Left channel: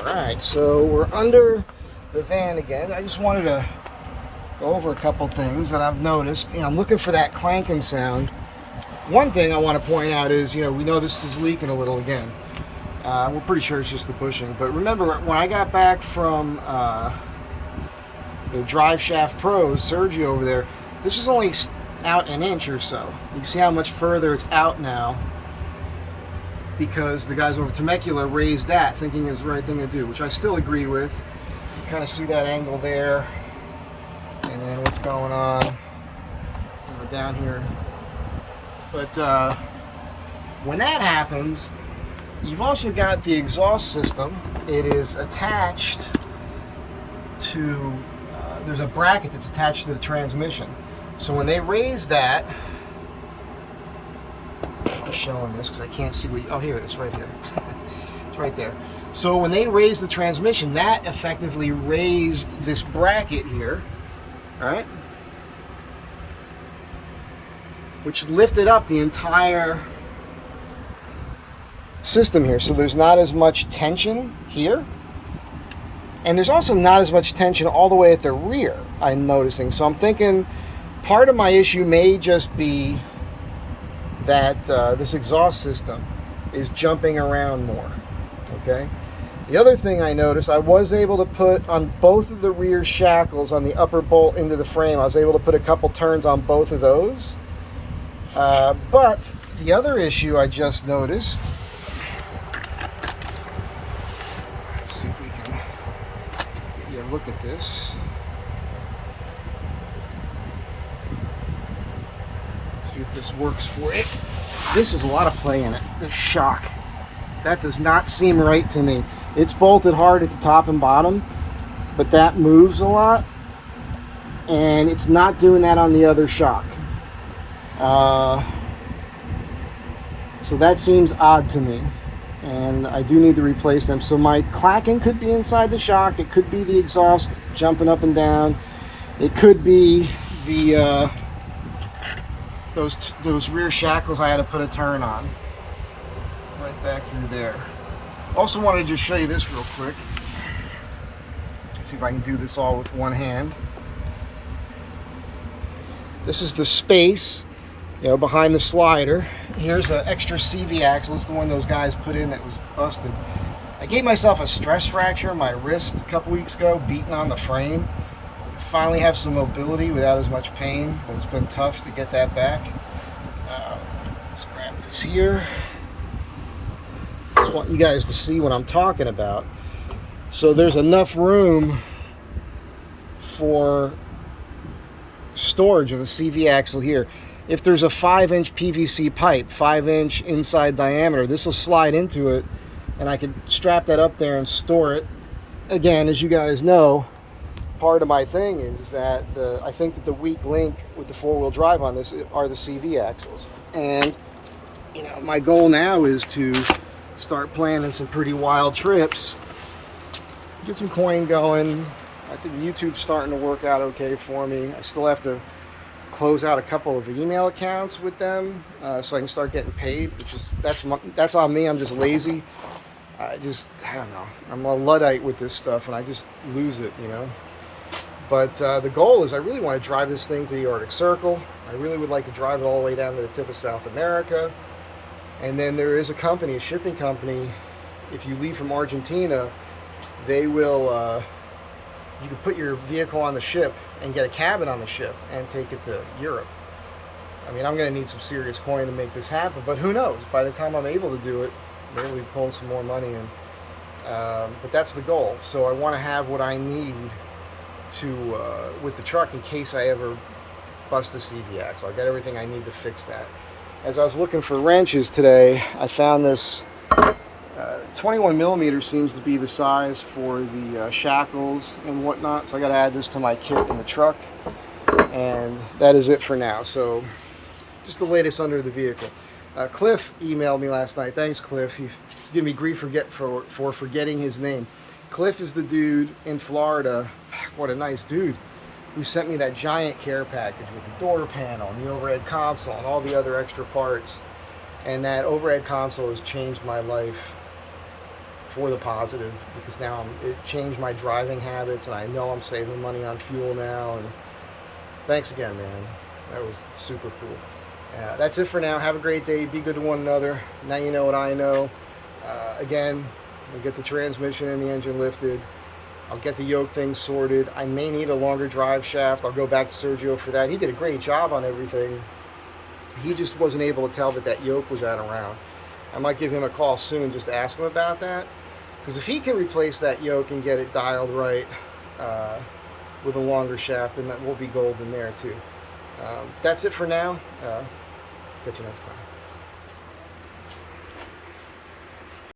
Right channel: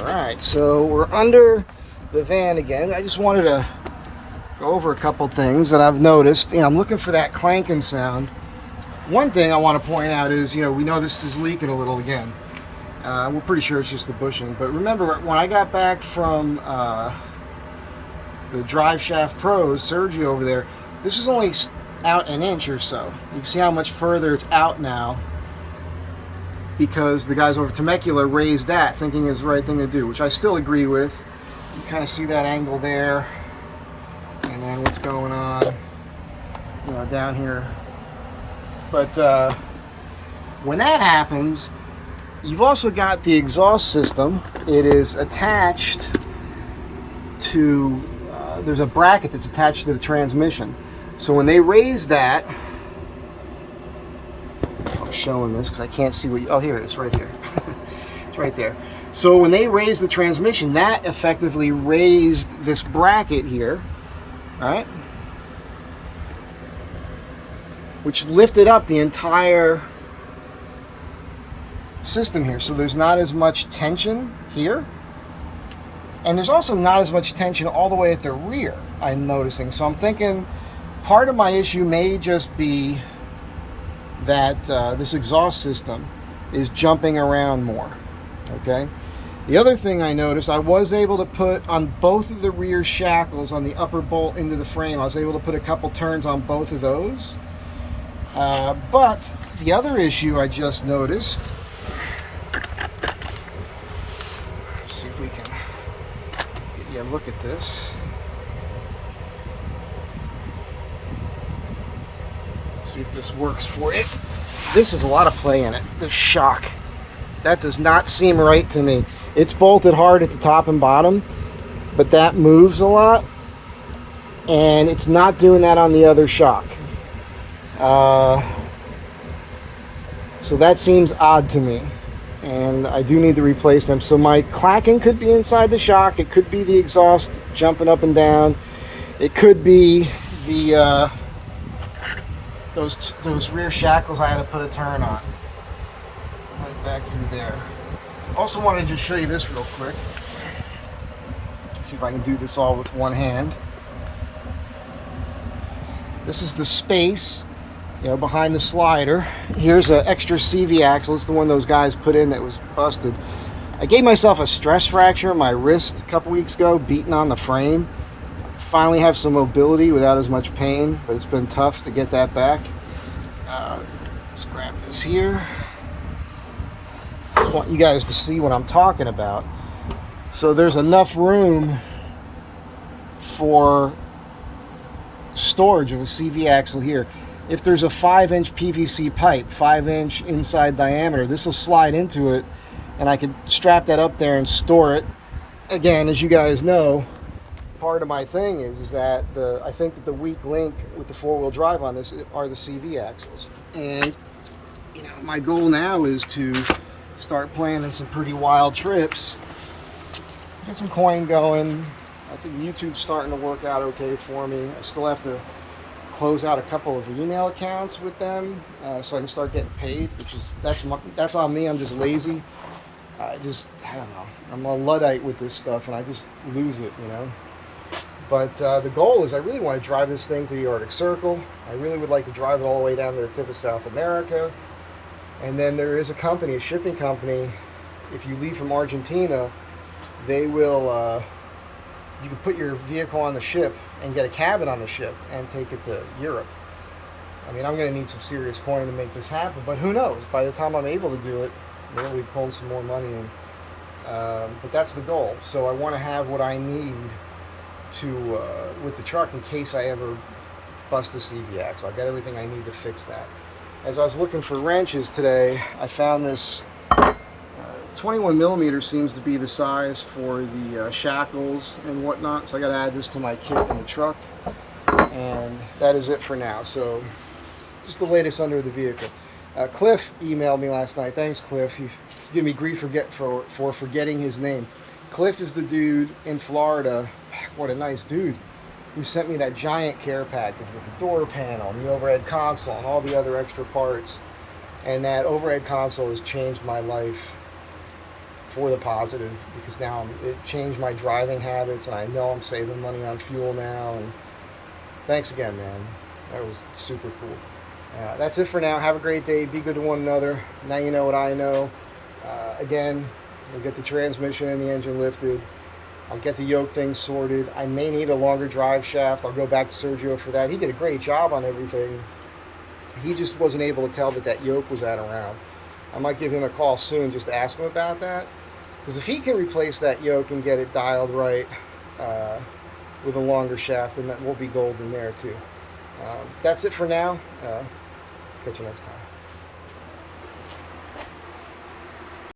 Alright, so we're under the van again. I just wanted to go over a couple things that I've noticed. I'm looking for that clanking sound. One thing I want to point out is, we know this is leaking a little again. We're pretty sure it's just the bushing. But remember, when I got back from the Drive Shaft Pros, Sergio over there, this was only out an inch or so. You can see how much further it's out now, because the guys over Temecula raised that, thinking it's the right thing to do, which I still agree with. You kind of see that angle there, and then what's going on, down here. But when that happens, you've also got the exhaust system. It is attached to, there's a bracket that's attached to the transmission. So when they raise that, I'm showing this because I can't see what oh, here it is, right here. It's right there. So when they raised the transmission, that effectively raised this bracket here, right? Which lifted up the entire system here. So there's not as much tension here. And there's also not as much tension all the way at the rear, I'm noticing. So I'm thinking part of my issue may just be that this exhaust system is jumping around more, okay? The other thing I noticed, I was able to put on both of the rear shackles on the upper bolt into the frame, I was able to put a couple turns on both of those. But the other issue I just noticed, let's see if we can get you a look at this. See if this works for you. This is a lot of play in it. The shock. That does not seem right to me. It's bolted hard at the top and bottom, but that moves a lot, and it's not doing that on the other shock. So that seems odd to me, and I do need to replace them. So my clacking could be inside the shock. It could be the exhaust jumping up and down. It could be the those rear shackles I had to put a turn on. Right back through there. Also wanted to just show you this real quick. Let's see if I can do this all with one hand. This is the space, behind the slider. Here's an extra CV axle. It's the one those guys put in that was busted. I gave myself a stress fracture in my wrist a couple weeks ago, beating on the frame. Finally have some mobility without as much pain, but it's been tough to get that back. Let's grab this here. Just want you guys to see what I'm talking about. So there's enough room for storage of a CV axle here. If there's a 5-inch PVC pipe, 5-inch inside diameter, this will slide into it, and I could strap that up there and store it. Again, as you guys know, part of my thing is that I think that the weak link with the 4-wheel drive on this are the CV axles. And my goal now is to start planning some pretty wild trips, get some coin going. I think YouTube's starting to work out okay for me. I still have to close out a couple of email accounts with them so I can start getting paid, which is that's on me. I'm just lazy. I don't know. I'm a Luddite with this stuff, and I just lose it, But the goal is I really want to drive this thing to the Arctic Circle. I really would like to drive it all the way down to the tip of South America. And then there is a shipping company, if you leave from Argentina, they will, you can put your vehicle on the ship and get a cabin on the ship and take it to Europe. I mean, I'm going to need some serious coin to make this happen, but who knows? By the time I'm able to do it, maybe we'll be pulling some more money in. But that's the goal. So I want to have what I need to with the truck in case I ever bust the CV axle. I got everything I need to fix that. As I was looking for wrenches today, I found this 21 millimeter seems to be the size for the shackles and whatnot. So I got to add this to my kit in the truck, and that is it for now. So just the latest under the vehicle. Cliff emailed me last night. Thanks, Cliff. He's giving me grief for forgetting his name. Cliff is the dude in Florida. What a nice dude, who sent me that giant care package with the door panel and the overhead console and all the other extra parts. And that overhead console has changed my life for the positive, because now it changed my driving habits, and I know I'm saving money on fuel now. And thanks again, man. That was super cool. That's it for now. Have a great day. Be good to one another. Now you know what I know. Again, we'll get the transmission and the engine lifted. I'll get the yoke thing sorted. I may need a longer drive shaft. I'll go back to Sergio for that. He did a great job on everything. He just wasn't able to tell that that yoke was out around. I might give him a call soon just to ask him about that. Because if he can replace that yoke and get it dialed right with a longer shaft, then that will be golden there too. That's it for now. Catch you next time.